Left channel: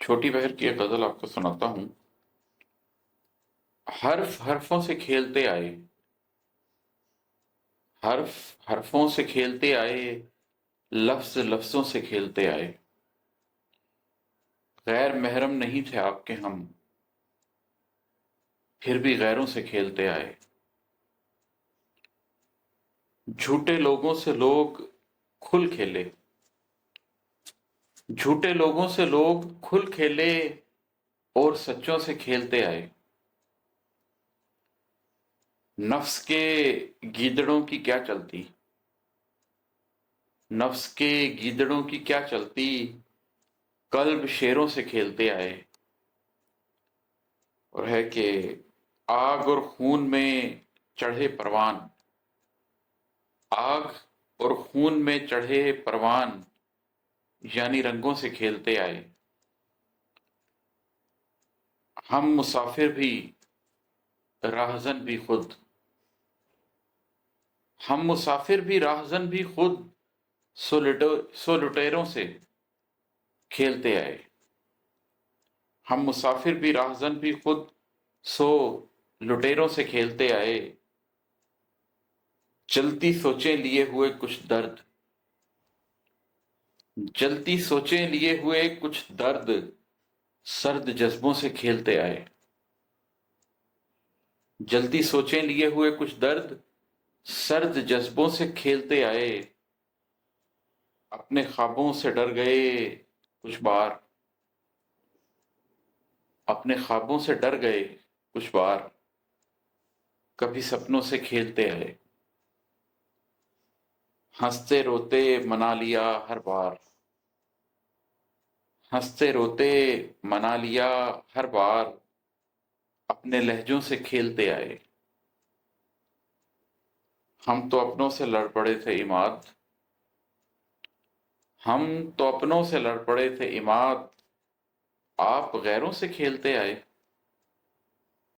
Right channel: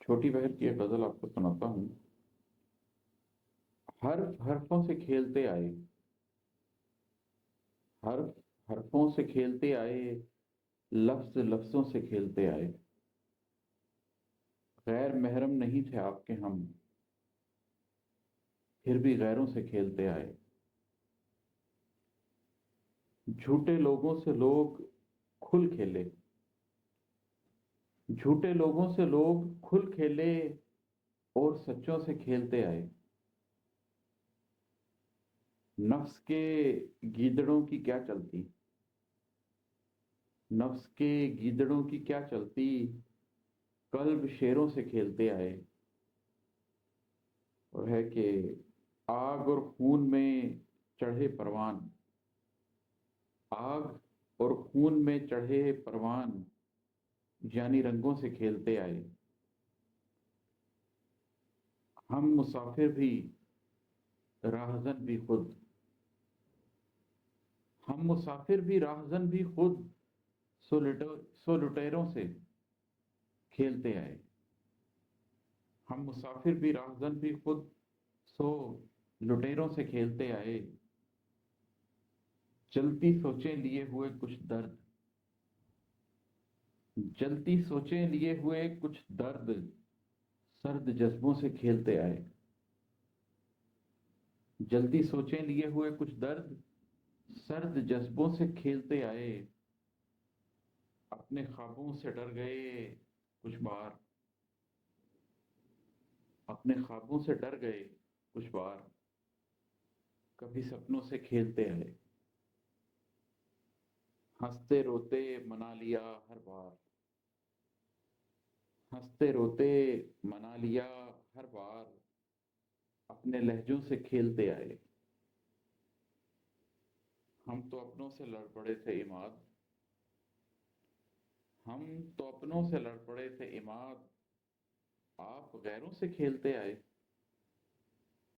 چھوٹی بہر کی ایک غزل آپ کو سناتا ہوں۔ حرف حرفوں سے کھیلتے آئے، حرف حرفوں سے کھیلتے آئے، لفظ لفظوں سے کھیلتے آئے۔ غیر محرم نہیں تھے آپ کے ہم، پھر بھی غیروں سے کھیلتے آئے۔ جھوٹے لوگوں سے لوگ کھل کھیلے، جھوٹے لوگوں سے لوگ کھل کھیلے، اور سچوں سے کھیلتے آئے۔ نفس کے گیدڑوں کی کیا چلتی، نفس کے گیدڑوں کی کیا چلتی، قلب شیروں سے کھیلتے آئے۔ اور ہے کہ آگ اور خون میں چڑھے پروان، آگ اور خون میں چڑھے پروان، یعنی رنگوں سے کھیلتے آئے۔ ہم مسافر بھی راہزن بھی خود، ہم مسافر بھی راہزن بھی خود، سو لٹیروں سے کھیلتے آئے۔ ہم مسافر بھی راہزن بھی خود، سو لٹیروں سے کھیلتے آئے۔ جلتی سوچیں لیے ہوئے کچھ درد، جلتی سوچیں لیے ہوئے کچھ درد، سرد جذبوں سے کھیلتے آئے۔ جلتی سوچیں لیے ہوئے کچھ درد، سرد جذبوں سے کھیلتے آئے۔ اپنے خوابوں سے ڈر گئے کچھ بار، اپنے خوابوں سے ڈر گئے کچھ بار، کبھی سپنوں سے کھیلتے آئے۔ ہنستے روتے منا لیا ہر بار، ہنستے روتے منا لیا ہر بار، اپنے لہجوں سے کھیلتے آئے۔ ہم تو اپنوں سے لڑ پڑے تھے عماد، ہم تو اپنوں سے لڑ پڑے تھے عماد، آپ غیروں سے کھیلتے آئے۔